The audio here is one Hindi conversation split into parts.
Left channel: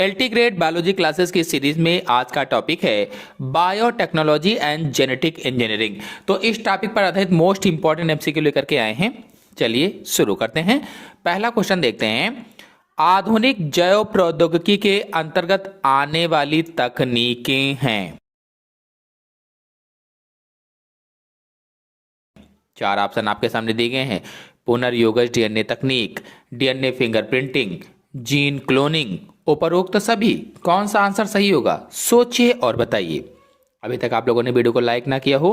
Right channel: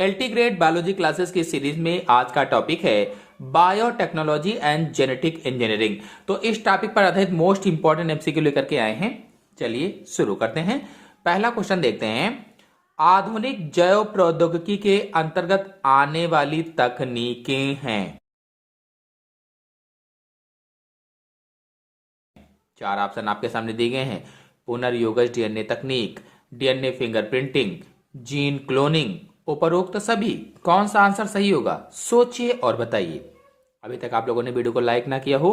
एलटी ग्रेड बायोलॉजी क्लासेस की सीरीज में आज का टॉपिक है बायोटेक्नोलॉजी एंड जेनेटिक इंजीनियरिंग। तो इस टॉपिक पर आधारित मोस्ट इंपॉर्टेंट एमसीक्यू लेकर के आए हैं। चलिए शुरू करते हैं। पहला क्वेश्चन देखते हैं, आधुनिक जैव प्रौद्योगिकी के अंतर्गत आने वाली तकनीकें हैं। चार ऑप्शन आपके सामने दिए गए हैं। पुनर्योगज डीएनए तकनीक, डीएनए फिंगरप्रिंटिंग, जीन क्लोनिंग, उपरोक्त सभी। कौन सा आंसर सही होगा, सोचिए और बताइए। अभी तक आप लोगों ने वीडियो को लाइक ना किया हो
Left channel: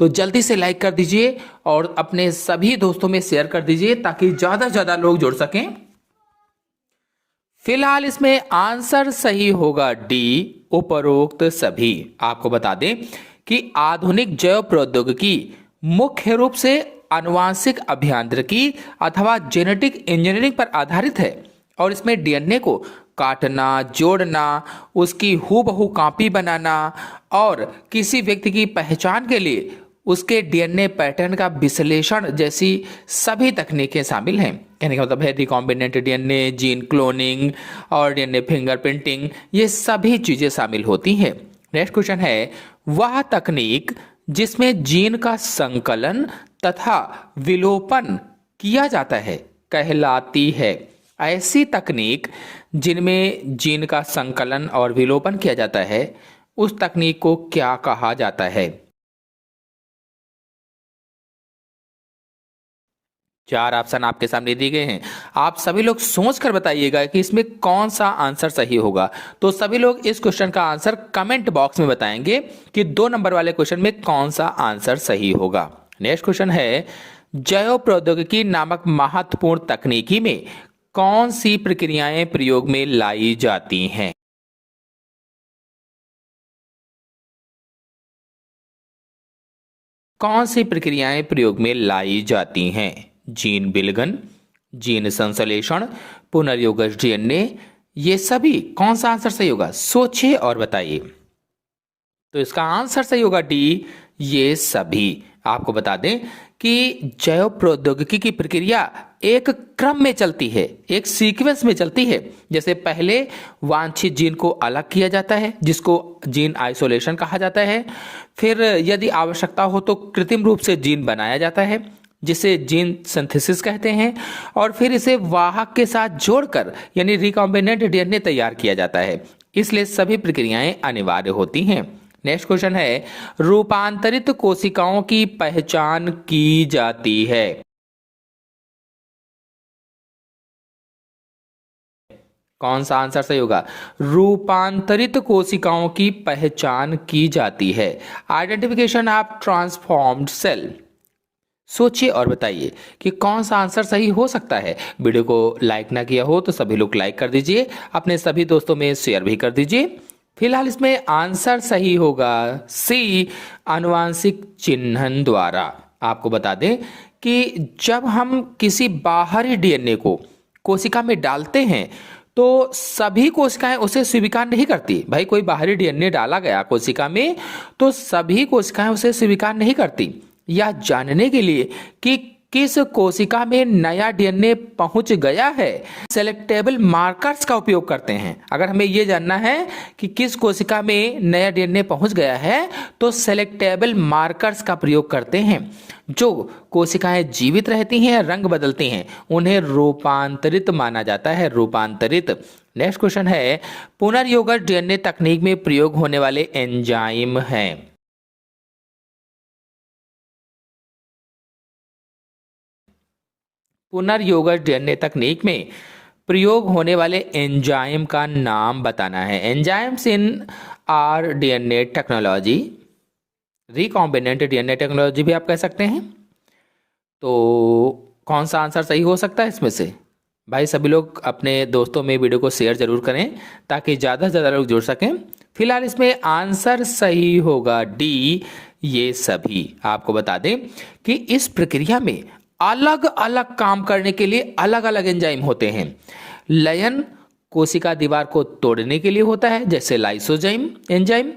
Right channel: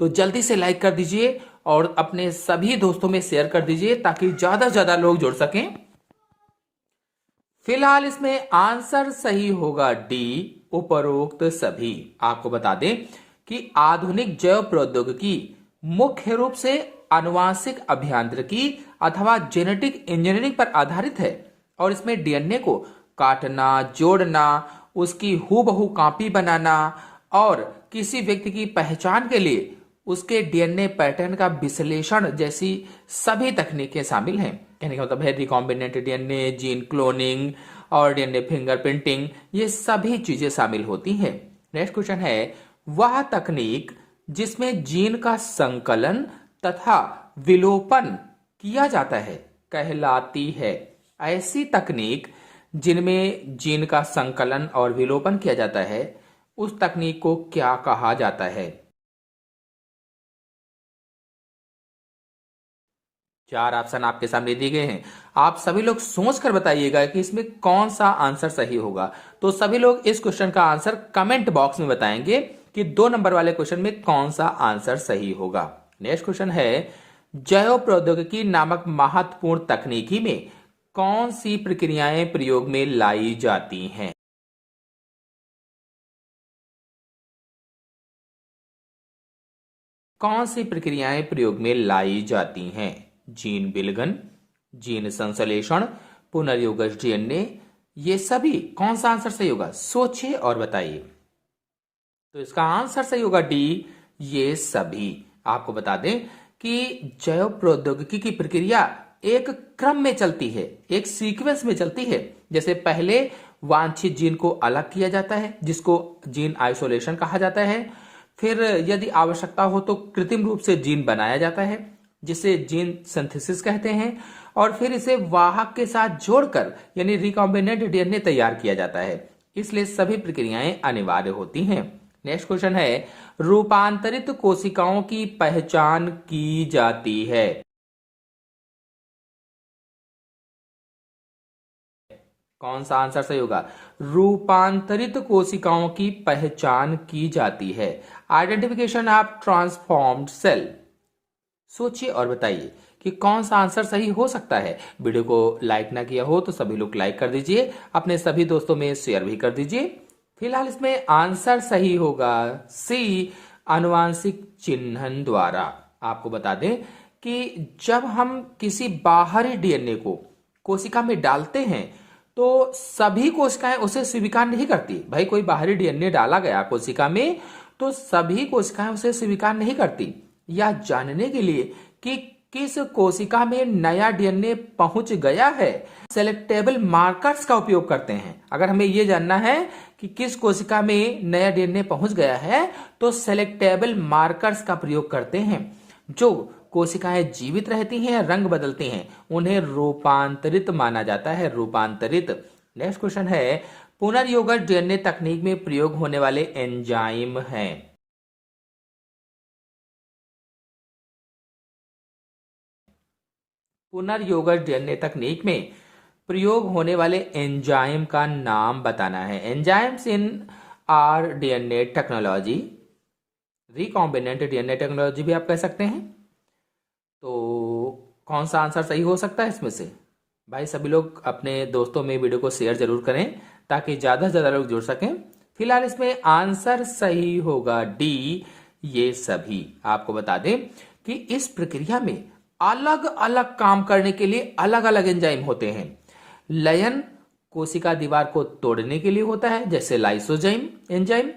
तो जल्दी से लाइक कर दीजिए और अपने सभी दोस्तों में शेयर कर दीजिए ताकि ज्यादा से ज्यादा लोग जुड़ सकें। फिलहाल इसमें आंसर सही होगा डी, उपरोक्त सभी। आपको बता दें कि आधुनिक जैव प्रौद्योगिकी मुख्य रूप से आनुवांशिक अभियांत्रिकी अथवा जेनेटिक इंजीनियरिंग पर आधारित है और इसमें डीएनए को काटना, जोड़ना, उसकी हूबहू कॉपी बनाना और किसी व्यक्ति की पहचान के लिए उसके डीएनए पैटर्न का विश्लेषण जैसी सभी तकनीकें शामिल हैं। कहने का मतलब है रिकॉम्बिनेंट डीएनए, जीन क्लोनिंग और डीएनए फिंगरप्रिंटिंग, ये सभी चीजें शामिल होती हैं। नेक्स्ट क्वेश्चन है, वह तकनीक जिसमें जीन का संकलन तथा विलोपन किया जाता है कहलाती है। ऐसी तकनीक जिनमें जीन का संकलन और विलोपन किया जाता है उस तकनीक को क्या कहा जाता है। चार ऑप्शन आपके सामने दिए गए हैं। आप सभी लोग सोच कर बताइएगा कि इसमें कौन सा आंसर सही होगा। तो सभी लोग इस क्वेश्चन का आंसर कमेंट बॉक्स में बताएंगे कि 2 नंबर वाले क्वेश्चन में कौन सा आंसर सही होगा। नेक्स्ट क्वेश्चन है, जैव प्रौद्योगिकी नामक महत्वपूर्ण तकनीकी में कौन सी प्रक्रियाएं प्रयोग में लाई जाती हैं। कौन सी प्रक्रियाएं प्रयोग में लाई जाती हैं। जीन विलगन, जीन संश्लेषण, पुनर्योगज डीएनए, ये सभी। कौन सा आंसर सही होगा, सोचिए और बताइए। तो इसका आंसर सही होगा डी, ये सभी। आपको बता दें कि जैव प्रौद्योगिकी की प्रक्रिया एक क्रम में चलती है, एक सीक्वेंस में चलती है। जैसे पहले वांछित जीन को अलग किया जाता है जिसको जीन आइसोलेशन कहा जाता है। फिर यदि आवश्यकता हो तो कृत्रिम रूप से जीन बनाया जाता है जिसे जीन सिंथेसिस कहते हैं और फिर इसे वाहक के साथ जोड़कर यानी रिकॉम्बिनेंट डीएनए तैयार किया जाता है। इसलिए सभी प्रक्रियाएं अनिवार्य होती हैं। नेक्स्ट क्वेश्चन है, रूपांतरित कोशिकाओं की पहचान की जाती है। कौन सा आंसर सही होगा, रूपांतरित कोशिकाओं की पहचान की जाती है। Identification of transformed cell. सोचिए और बताइए कि कौन सा आंसर सही हो सकता है। वीडियो को लाइक ना किया हो तो सभी लोग लाइक कर दीजिए, अपने सभी दोस्तों में शेयर भी कर दीजिए। फिलहाल इसमें आंसर सही होगा सी, आनुवांशिक चिन्हन द्वारा। आपको बता दें कि जब हम किसी बाहरी डीएनए को कोशिका में डालते हैं तो सभी कोशिकाएं उसे स्वीकार नहीं करती। भाई कोई बाहरी डीएनए डाला गया कोशिका में तो सभी कोशिकाएं उसे स्वीकार नहीं करती। यह जानने के लिए कि किस कोशिका में नया डीएनए पहुंच गया है सेलेक्टेबल मार्कर्स का उपयोग करते हैं। अगर हमें यह जानना है कि किस कोशिका में नया डीएनए पहुंच गया है तो सेलेक्टेबल मार्कर्स का प्रयोग करते हैं। जो कोशिकाएं जीवित रहती हैं, रंग बदलती हैं, उन्हें रूपांतरित माना जाता है, रूपांतरित। नेक्स्ट क्वेश्चन है, पुनर्योगज डीएनए तकनीक में प्रयोग होने वाले एंजाइम हैं। पुनर्योगज डीएनए तकनीक में प्रयोग होने वाले एंजाइम का नाम बताना है। Enzymes in are DNA technology, recombinant DNA technology भी आप कह सकते हैं। तो कौन सा आंसर सही हो सकता है इसमें से। भाई सभी लोग अपने दोस्तों में वीडियो को शेयर जरूर करें ताकि ज़्यादा से ज़्यादा लोग जुड़ सकें। फिलहाल इसमें आंसर सही होगा डी, ये सभी। आपको बता दें कि इस प्रक्रिया में अलग अलग काम करने के लिए अलग अलग एंजाइम होते हैं। लयन कोशिका दीवार को तोड़ने के लिए होता है जैसे लाइसोजाइम एंजाइम,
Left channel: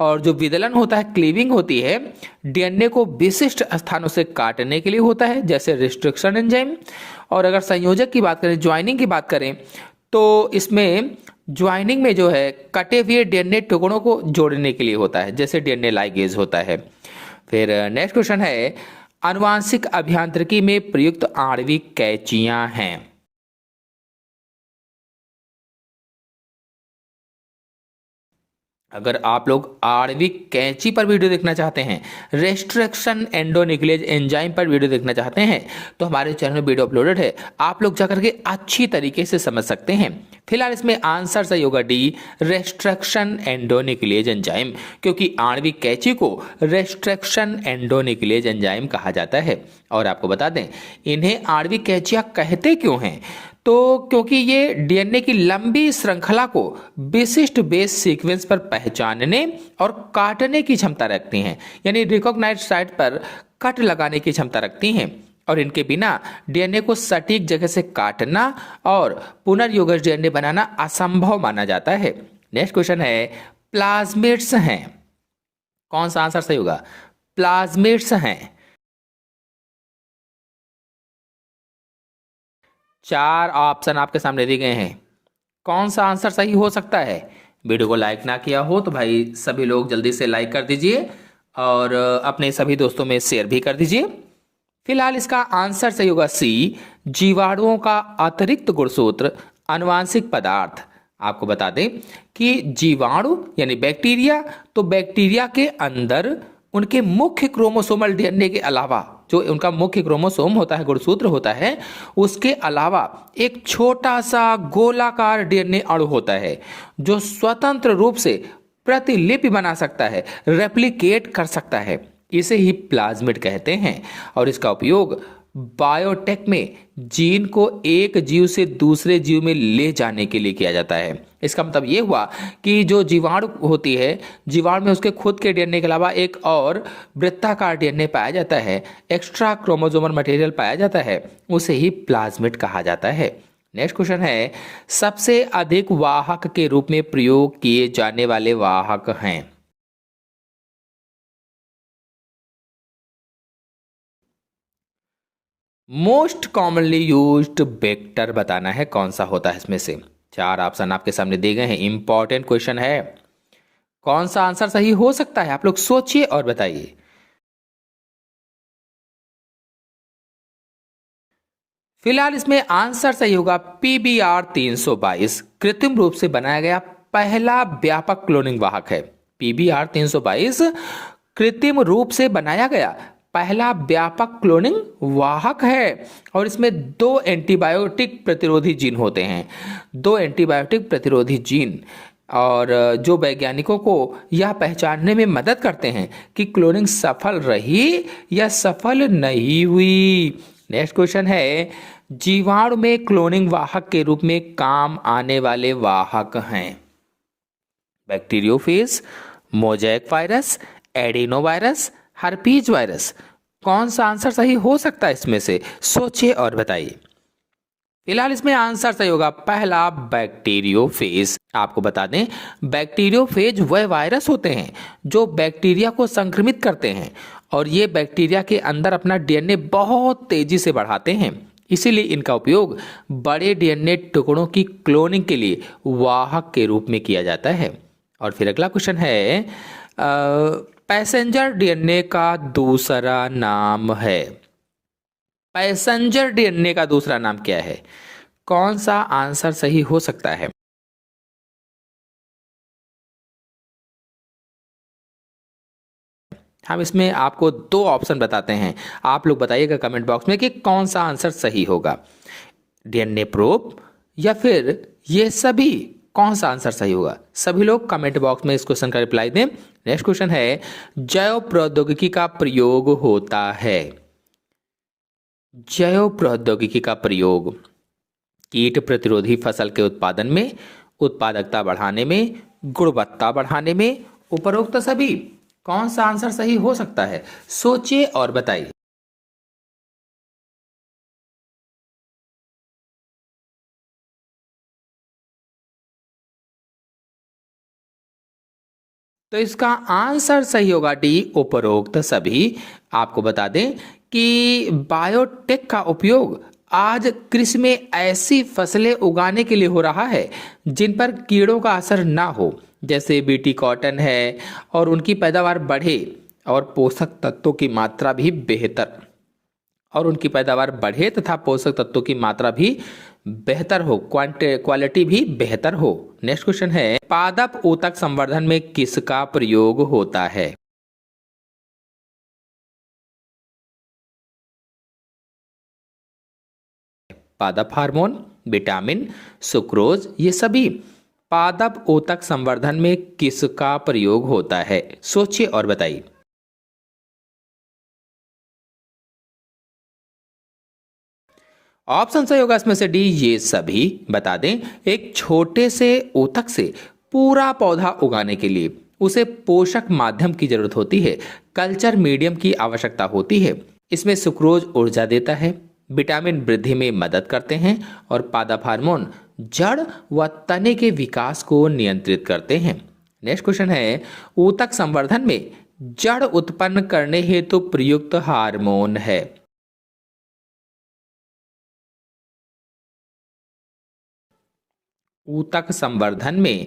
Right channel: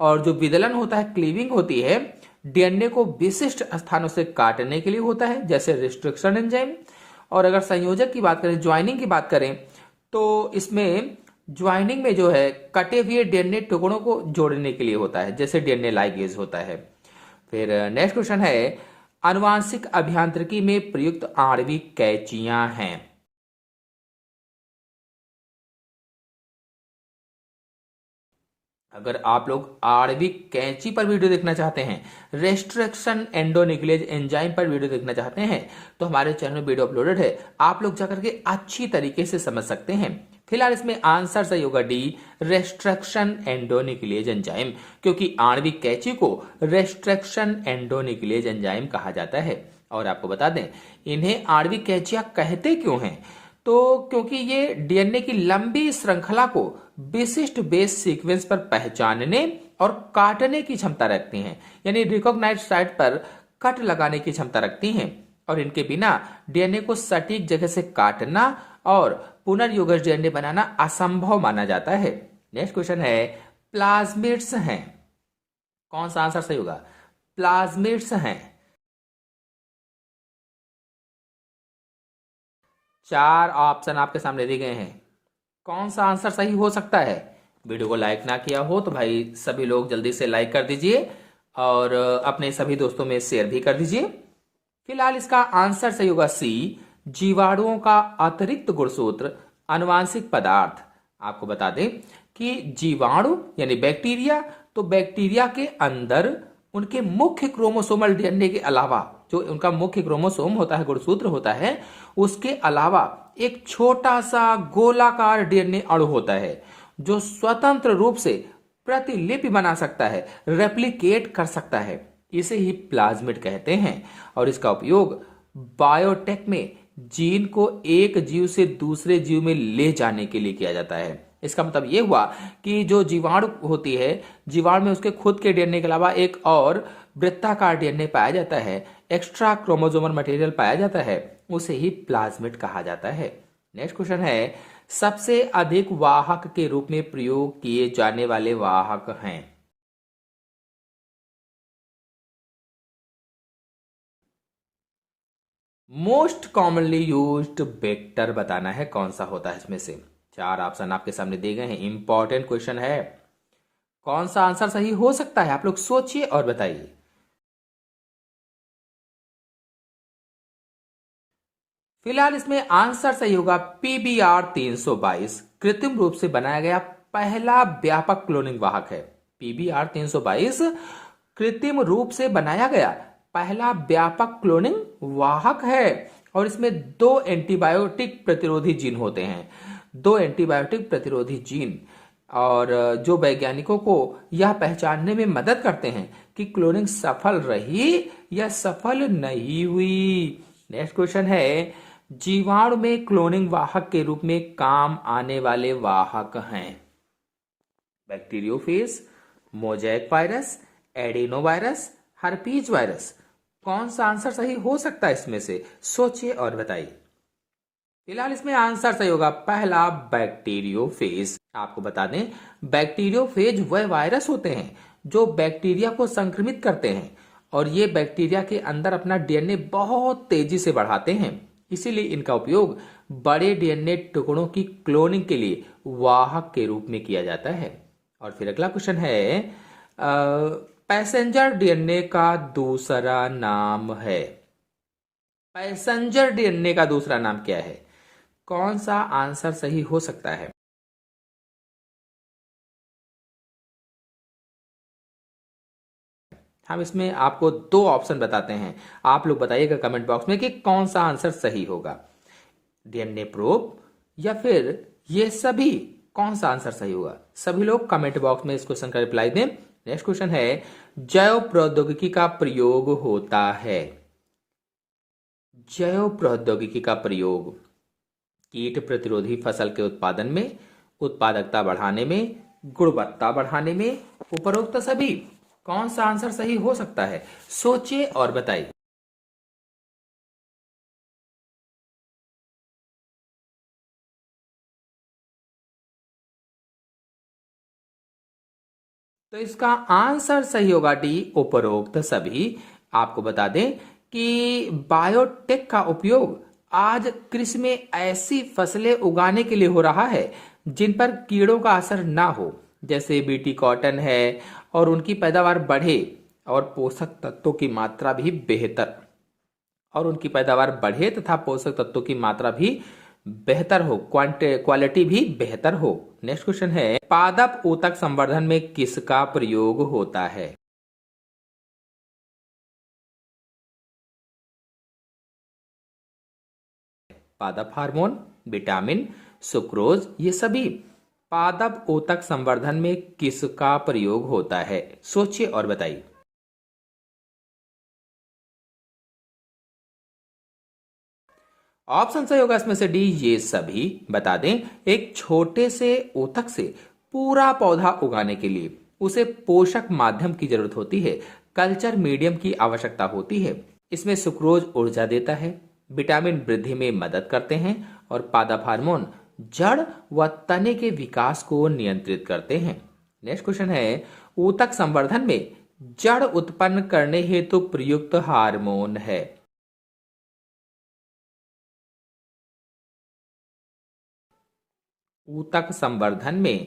और जो विदलन होता है, क्लीविंग होती है, डीएनए को विशिष्ट स्थानों से काटने के लिए होता है जैसे रिस्ट्रिक्शन एंजाइम। और अगर संयोजक की बात करें, ज्वाइनिंग की बात करें तो इसमें ज्वाइनिंग में जो है कटे हुए डीएनए टुकड़ों को जोड़ने के लिए होता है, जैसे डीएनए लाइगेज होता है। फिर नेक्स्ट क्वेश्चन है, आनुवांशिक अभियांत्रिकी में प्रयुक्त आणविक कैंचियां हैं। अगर आप लोग आणविक कैंची पर वीडियो देखना चाहते हैं, रेस्ट्रिक्शन एंडोन्यूक्लियेज एंजाइम पर वीडियो देखना चाहते हैं, तो हमारे चैनल में वीडियो अपलोडेड है, आप लोग जाकर के अच्छी तरीके से समझ सकते हैं। फिलहाल इसमें आंसर सही होगा डी, रेस्ट्रिक्शन एंडोन्यूक्लियेज एंजाइम, क्योंकि आणविक कैंची को रेस्ट्रिक्शन एंडोन्यूक्लियेज एंजाइम कहा जाता है। और आपको बता दें, इन्हें आणविक कैंचियां कहते क्यों हैं, तो क्योंकि ये डीएनए की लंबी श्रृंखला को विशिष्ट बेस सीक्वेंस पर पहचानने और काटने की क्षमता रखती हैं, यानी रिकॉग्नाइज्ड साइट पर कट लगाने की क्षमता रखती हैं। और इनके बिना डीएनए को सटीक जगह से काटना और पुनर्योगज डीएनए बनाना असंभव माना जाता है। नेक्स्ट क्वेश्चन है, प्लाज्मिड्स हैं। कौन सा आंसर सही होगा? प्लाज्मिड्स हैं। 4 ऑप्शन आपके सामने दिए गए हैं, कौन सा आंसर सही हो सकता है? वीडियो को लाइक ना किया हो तो भाई सभी लोग जल्दी से लाइक कर दीजिए और अपने सभी दोस्तों में शेयर भी कर दीजिए। फिलहाल इसका आंसर सही होगा सी, जीवाणुओं का अतिरिक्त गुणसूत्र आनुवांशिक पदार्थ। आपको बता दें कि जीवाणु यानी बैक्टीरिया, तो बैक्टीरिया के अंदर उनके मुख्य क्रोमोसोमल डीएनए के अलावा, जो उनका मुख्य क्रोमोसोम होता है, गुणसूत्र होता है, उसके अलावा एक छोटा सा गोलाकार डीएनए अणु होता है जो स्वतंत्र रूप से प्रतिलिपि बना सकता है, रेप्लिकेट कर सकता है। इसे ही प्लाज्मिड कहते हैं और इसका उपयोग बायोटेक में जीन को एक जीव से दूसरे जीव में ले जाने के लिए किया जाता है। इसका मतलब ये हुआ कि जो जीवाणु होती है, जीवाणु में उसके खुद के डीएनए के अलावा एक और वृत्ताकार डीएनए पाया जाता है, एक्स्ट्रा क्रोमोसोमल मटेरियल पाया जाता है, उसे ही प्लाज्मिड कहा जाता है। नेक्स्ट क्वेश्चन है, सबसे अधिक वाहक के रूप में प्रयोग किए जाने वाले वाहक हैं। मोस्ट कॉमनली यूज्ड वेक्टर बताना है, कौन सा होता है इसमें से। 4 ऑप्शन आपके सामने दिए गए हैं, इंपॉर्टेंट क्वेश्चन है, कौन सा आंसर सही हो सकता है? आप लोग सोचिए और बताइए। फिलहाल इसमें आंसर सही होगा PBR 322, कृत्रिम रूप से बनाया गया पहला व्यापक क्लोनिंग वाहक है। PBR 322 कृत्रिम रूप से बनाया गया पहला व्यापक क्लोनिंग वाहक है और इसमें 2 एंटीबायोटिक प्रतिरोधी जीन होते हैं, 2 एंटीबायोटिक प्रतिरोधी जीन, और जो वैज्ञानिकों को यह पहचानने में मदद करते हैं कि क्लोनिंग सफल रही या सफल नहीं हुई। नेक्स्ट क्वेश्चन है, जीवाणु में क्लोनिंग वाहक के रूप में काम आने वाले वाहक हैं। Bacteriophage, mosaic virus, adeno virus, herpes virus. कौन सा आंसर सही हो सकता है इसमें से? सोचिए और बताइए। फिलहाल इसमें आंसर सही होगा पहला, बैक्टीरियोफेज। आपको बता दें, बैक्टीरियोफेज वह वायरस होते हैं जो बैक्टीरिया को संक्रमित करते हैं और ये बैक्टीरिया के अंदर अपना डीएनए बहुत तेजी से बढ़ाते हैं, इसीलिए इनका उपयोग बड़े डीएनए टुकड़ों की क्लोनिंग के लिए वाहक के रूप में किया जाता है। और फिर अगला क्वेश्चन है, पैसेंजर डीएनए का दूसरा नाम है। पैसेंजर डीएनए का दूसरा नाम क्या है? कौन सा आंसर सही हो सकता है? हम इसमें आपको 2 ऑप्शन बताते हैं, आप लोग बताइएगा कमेंट बॉक्स में कि कौन सा आंसर सही होगा, डीएनए प्रोब या फिर ये सभी, कौन सा आंसर सही होगा? सभी लोग कमेंट बॉक्स में इस क्वेश्चन का रिप्लाई दें। नेक्स्ट क्वेश्चन है, जैव प्रौद्योगिकी का प्रयोग होता है। जैव प्रौद्योगिकी का प्रयोग कीट प्रतिरोधी फसल के उत्पादन में, उत्पादकता बढ़ाने में, गुणवत्ता बढ़ाने में, उपरोक्त सभी। कौन सा आंसर सही हो सकता है? सोचिए और बताइए। तो इसका आंसर सही होगा डी, उपरोक्त सभी। आपको बता दें कि बायोटेक का उपयोग आज कृषि में ऐसी फसलें उगाने के लिए हो रहा है जिन पर कीड़ों का असर ना हो, जैसे बीटी कॉटन है, और उनकी पैदावार बढ़े और पोषक तत्वों की मात्रा भी बेहतर और उनकी पैदावार बढ़े तथा पोषक तत्वों की मात्रा भी बेहतर हो, क्वालिटी भी बेहतर हो। नेक्स्ट क्वेश्चन है, पादप ऊतक संवर्धन में किसका प्रयोग होता है? पादप हार्मोन, विटामिन, सुक्रोज, ये सभी पादप ऊतक संवर्धन में किसका प्रयोग होता है? सोचिए और बताइए। ऑप्शन सही होगा इसमें से डी, ये सभी। बता दें, एक छोटे से ऊतक से पूरा पौधा उगाने के लिए उसे पोषक माध्यम की जरूरत होती है, कल्चर मीडियम की आवश्यकता होती है। इसमें सुक्रोज ऊर्जा देता है, विटामिन वृद्धि में मदद करते हैं और पादप हार्मोन जड़ व तने के विकास को नियंत्रित करते हैं। नेक्स्ट क्वेश्चन है, ऊतक संवर्धन में जड़ उत्पन्न करने हेतु प्रयुक्त हार्मोन है? ऊतक संवर्धन में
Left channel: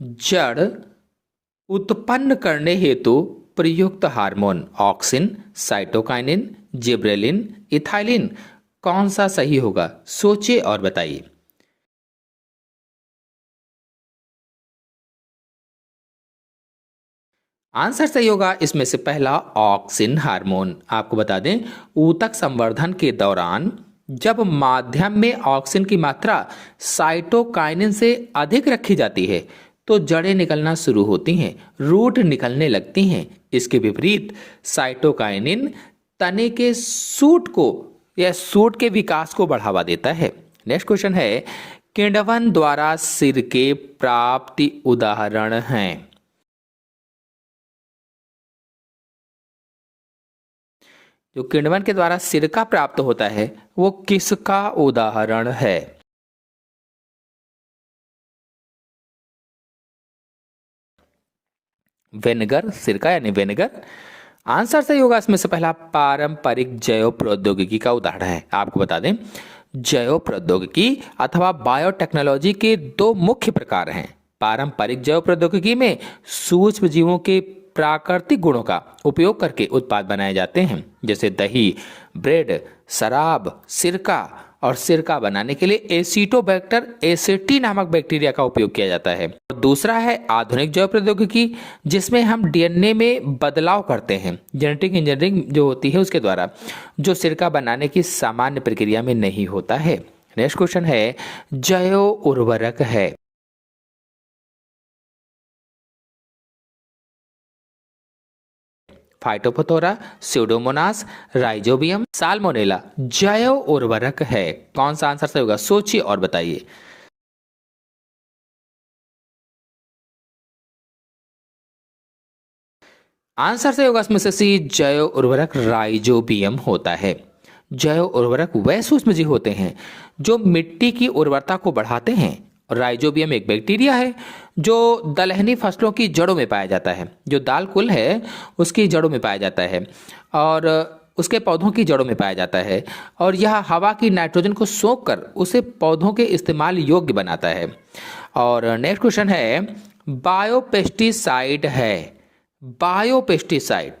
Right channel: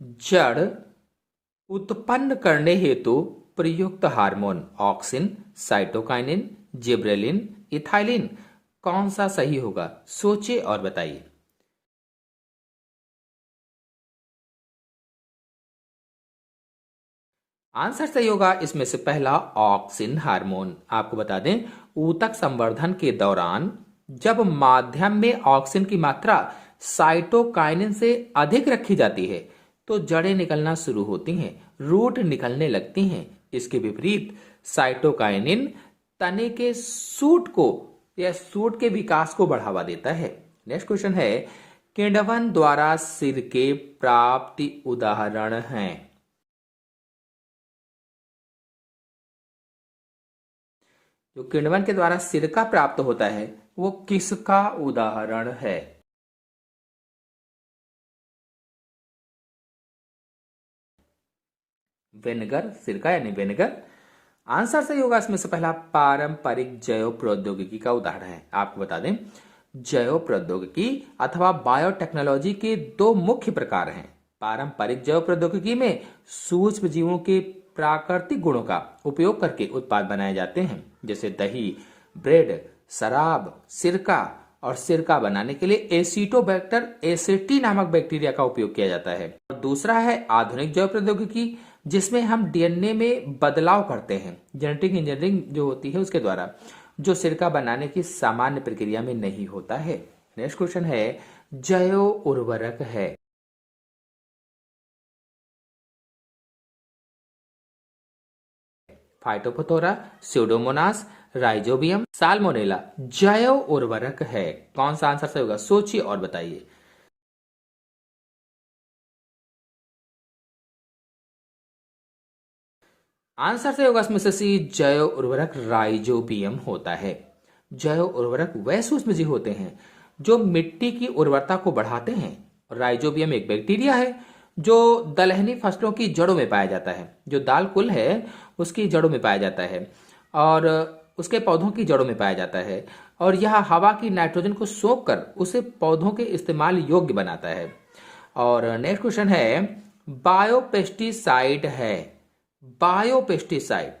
जड़ उत्पन्न करने हेतु प्रयुक्त hormone auxin, cytokinin, gibberellin, ethylene, कौन सा सही होगा? सोचिए और बताइए। आंसर सही होगा इसमें से पहला, ऑक्सिन हार्मोन। आपको बता दें, ऊतक संवर्धन के दौरान जब माध्यम में ऑक्सिन की मात्रा साइटोकाइनिन से अधिक रखी जाती है तो जड़ें निकलना शुरू होती हैं, रूट निकलने लगती हैं। इसके विपरीत साइटोकाइनिन तने के सूट को या सूट के विकास को बढ़ावा देता है। नेक्स्ट क्वेश्चन है, किण्वन द्वारा सिर के प्राप्ति उदाहरण हैं? जो किण्वन के द्वारा सिरका प्राप्त होता है वो किसका उदाहरण है? विनेगर, सिरका यानी विनेगर। आंसर सही होगा इसमें से पहला, पारंपरिक जैव प्रौद्योगिकी का उदाहरण है। आपको बता दें, जैव प्रौद्योगिकी अथवा बायोटेक्नोलॉजी के दो मुख्य प्रकार हैं। पारंपरिक जैव प्रौद्योगिकी में सूक्ष्म जीवों के प्राकृतिक गुणों का उपयोग करके उत्पाद बनाए जाते हैं, जैसे दही, ब्रेड, शराब, सिरका। और सिरका बनाने के लिए एसिटोबैक्टर एसेटी नामक बैक्टीरिया का उपयोग किया जाता है। और दूसरा है आधुनिक जैव प्रौद्योगिकी, जिसमें हम डीएनए में बदलाव करते हैं, जेनेटिक इंजीनियरिंग जो होती है उसके द्वारा, जो सिरका बनाने की सामान्य प्रक्रिया में नहीं होता है। नेक्स्ट क्वेश्चन है, जैव उर्वरक है? फाइटोफथोरा, स्यूडोमोनास, राइजोबियम, साल्मोनेला जैव उर्वरक है। कौन सा आंसर सही होगा? सोचिए और बताइए। आंसर सही होगा इसमें से सी, जैव उर्वरक राइजोबियम होता है। जैव उर्वरक वह सूक्ष्मजीव होते हैं जो मिट्टी की उर्वरता को बढ़ाते हैं। और राइजोबियम एक बैक्टीरिया है जो दलहनी फसलों की जड़ों में पाया जाता है, जो दाल कुल है उसकी जड़ों में पाया जाता है और उसके पौधों की जड़ों में पाया जाता है। और यह हवा की नाइट्रोजन को सोख कर उसे पौधों के इस्तेमाल योग्य बनाता है। और नेक्स्ट क्वेश्चन है, बायोपेस्टिसाइड है? Biopesticide,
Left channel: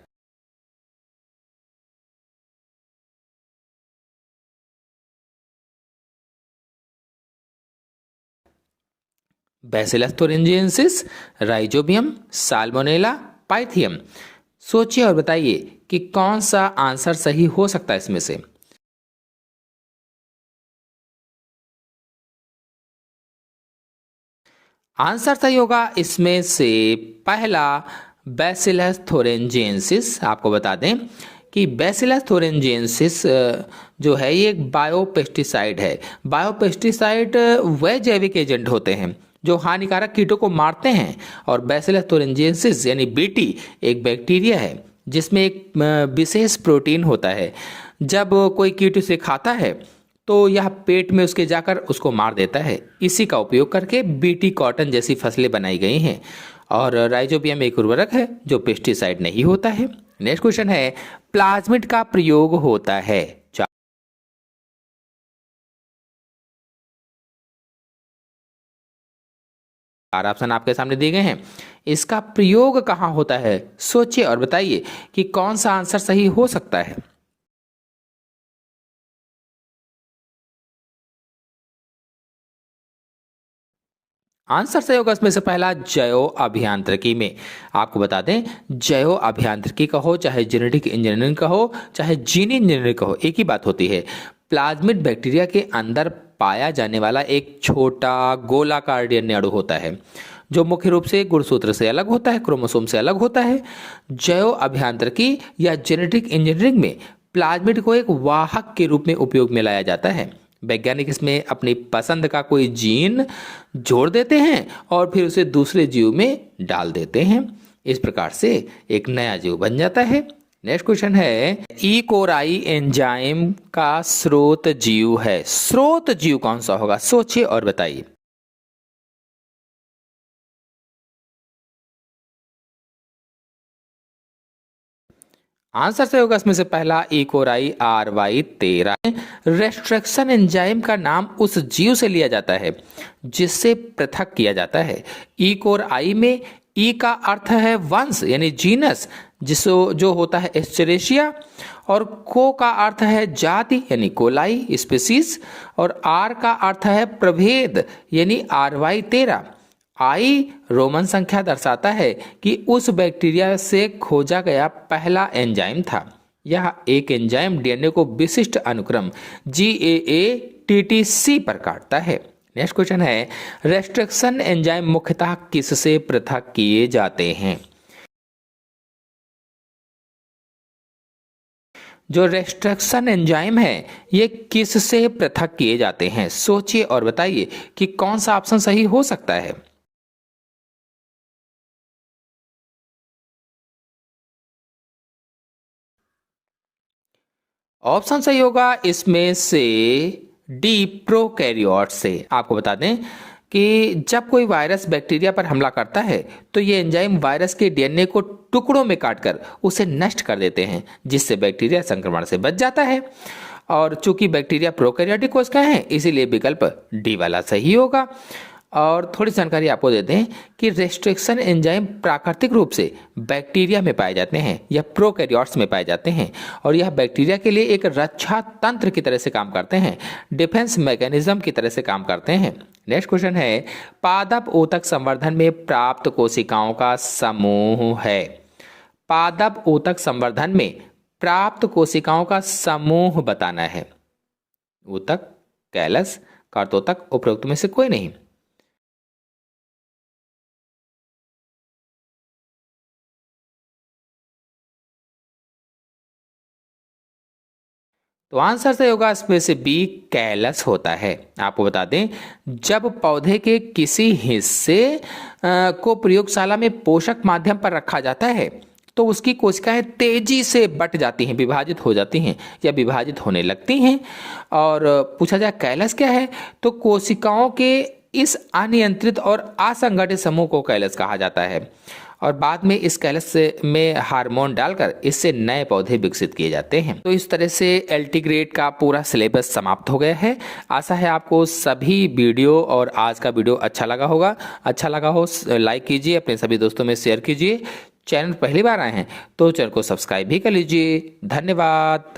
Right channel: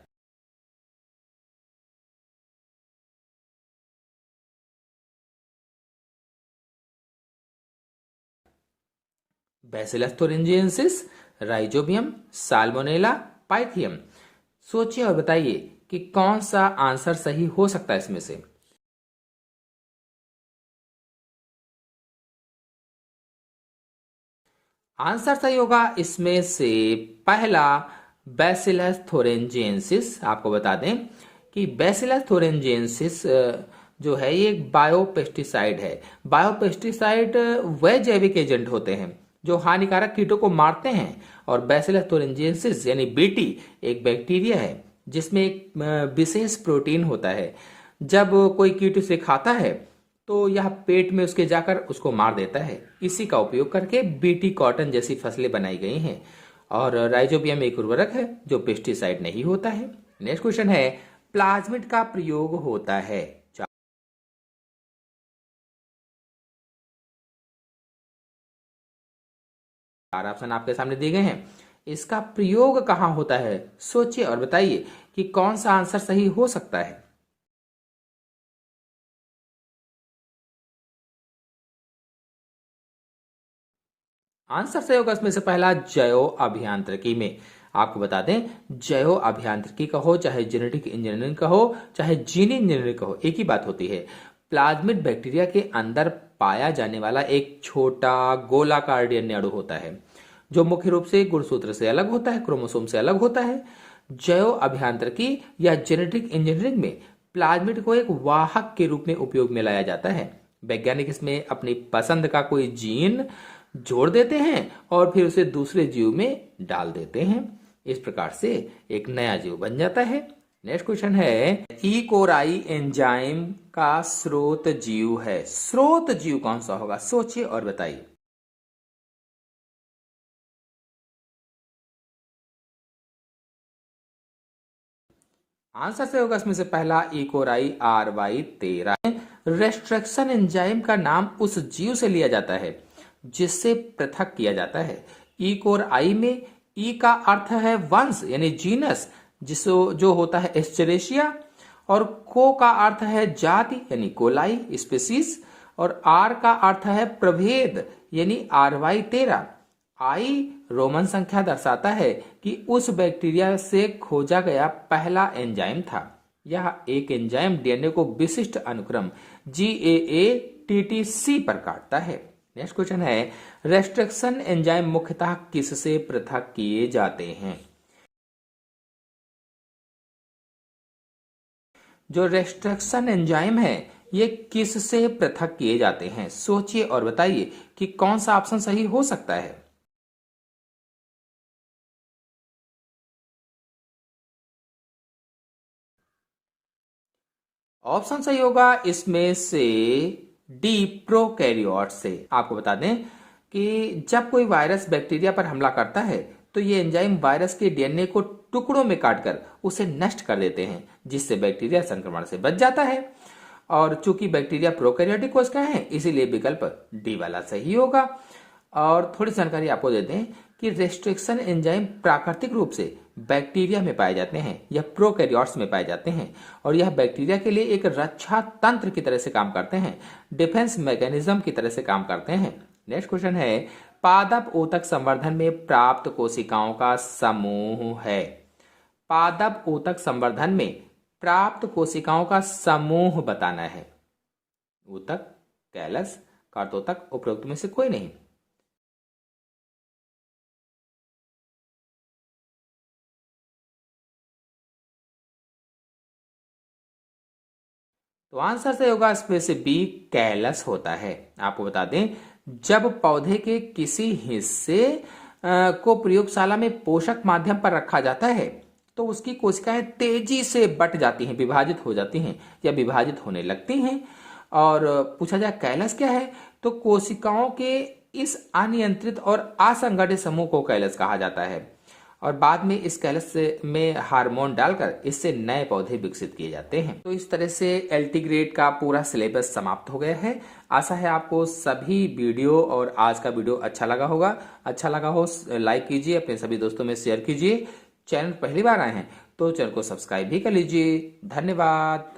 bacillus thuringiensis, rhizobium, salmonella, Pythium. सोचिए और बताइए कि कौन सा आंसर सही हो सकता है इसमें से। आंसर सही होगा इसमें से पहला, बैसिलस thuringiensis। आपको बता दें कि बैसिलस thuringiensis जो है ये एक बायोपेस्टिसाइड है। बायोपेस्टिसाइड वह जैविक एजेंट होते हैं जो हानिकारक कीटों को मारते हैं। और बैसिलस thuringiensis यानी बीटी एक बैक्टीरिया है जिसमें एक विशेष प्रोटीन होता है। जब कोई कीट उसे खाता है तो यह पेट में उसके जाकर उसको मार देता है। इसी का उपयोग करके बीटी कॉटन जैसी फसलें बनाई गई हैं। और राइजोबियम एक उर्वरक है जो पेस्टिसाइड नहीं होता है। नेक्स्ट क्वेश्चन है, प्लाज्मिड का प्रयोग होता है? चार ऑप्शन आपके सामने दिए गए हैं। इसका प्रयोग कहाँ होता है? सोचिए और बताइए कि कौन सा आंसर सही हो सकता है। आंसर सही होगा इसमें से पहला, जैव अभियांत्रिकी में। आपको बता दें, जैव अभियांत्रिकी का हो, चाहे जेनेटिक इंजीनियरिंग का हो, चाहे जीन इंजीनियरिंग का हो, एक ही बात होती है। प्लाज्मिड बैक्टीरिया के अंदर पाया जाने वाला एक छोटा गोलाकार डीएनए अणु होता है, जो मुख्य रूप से गुणसूत्र से अलग होता है, क्रोमोसोम से अलग होता है। जैव अभियांत्रिकी या जेनेटिक इंजीनियरिंग में प्लाज्मिड को एक वाहक के रूप में उपयोग में लाया जाता है। वैज्ञानिक इसमें अपनी पसंद का कोई जीन जोड़ देते हैं और फिर उसे दूसरे जीव में डाल देते हैं। इस प्रकार से एक नया जीव बन जाता है। नेक्स्ट क्वेश्चन है, ई कोराई एंजाइम का स्रोत जीव है। स्रोत जीव कौन सा होगा? सोचिए और बताइए। आंसर सही होगा इसमें से पहला, इकोराई RY13। रेस्ट्रिक्शन एंजाइम का नाम उस जीव से लिया जाता है जिससे पृथक किया जाता है। इकोराई में ई का अर्थ है वंश यानी जीनस, जिसो जो होता है एस्चेरेशिया, और को का अर्थ है जाति यानी कोलाई स्पीसीज, और आर का अर्थ है प्रभेद यानी RY13। आई रोमन संख्या दर्शाता है कि उस बैक्टीरिया से खोजा गया पहला एंजाइम था। यह एक एंजाइम डीएनए को विशिष्ट अनुक्रम GAATTC पर काटता है। नेक्स्ट क्वेश्चन है, रेस्ट्रिक्शन एंजाइम मुख्यतः किससे पृथक किए जाते हैं? जो रेस्ट्रिक्शन एंजाइम है ये किससे पृथक किए जाते हैं? सोचिए और बताइए कि कौन सा ऑप्शन सही हो सकता है। ऑप्शन सही होगा इसमें से डी, प्रोकैरियोट से। आपको बता दें कि जब कोई वायरस बैक्टीरिया पर हमला करता है तो ये एंजाइम वायरस के डीएनए को टुकड़ों में काटकर उसे नष्ट कर देते हैं, जिससे बैक्टीरिया संक्रमण से बच जाता है। और चूंकि बैक्टीरिया प्रोकैरियोटिक कोशिकाएं हैं, इसीलिए विकल्प डी वाला सही होगा। और थोड़ी जानकारी आपको देते हैं कि रेस्ट्रिक्शन एंजाइम प्राकृतिक रूप से बैक्टीरिया में पाए जाते हैं या प्रोकैरियोट्स में पाए जाते हैं, और यह बैक्टीरिया के लिए एक रक्षा तंत्र की तरह से काम करते हैं, डिफेंस मैकेनिज्म की तरह से काम करते हैं। नेक्स्ट क्वेश्चन है, पादप ऊतक संवर्धन में प्राप्त कोशिकाओं का समूह है। पादप ऊतक संवर्धन में प्राप्त कोशिकाओं का समूह बताना है। ऊतक, कैलस, कार्तोतक, उपरोक्त में से कोई नहीं। तो आंसर सही होगा इसमें से बी, कैलस होता है। आपको बता दें, जब पौधे के किसी हिस्से को प्रयोगशाला में पोषक माध्यम पर रखा जाता है तो उसकी कोशिकाएं तेजी से बट जाती हैं, विभाजित हो जाती हैं या विभाजित होने लगती हैं। और पूछा जाए कैलस क्या है, तो कोशिकाओं के इस अनियंत्रित और असंगठित समूह को कैलस कहा जाता है। और बाद में इस कैलस में हार्मोन डालकर इससे नए पौधे विकसित किए जाते हैं। तो इस तरह से एलटी ग्रेड का पूरा सिलेबस समाप्त हो गया है। आशा है आपको सभी वीडियो और आज का वीडियो अच्छा लगा होगा। अच्छा लगा हो लाइक कीजिए, अपने सभी दोस्तों में शेयर कीजिए। चैनल पहली बार आए हैं तो चैनल को सब्सक्राइब भी कर लीजिए। धन्यवाद।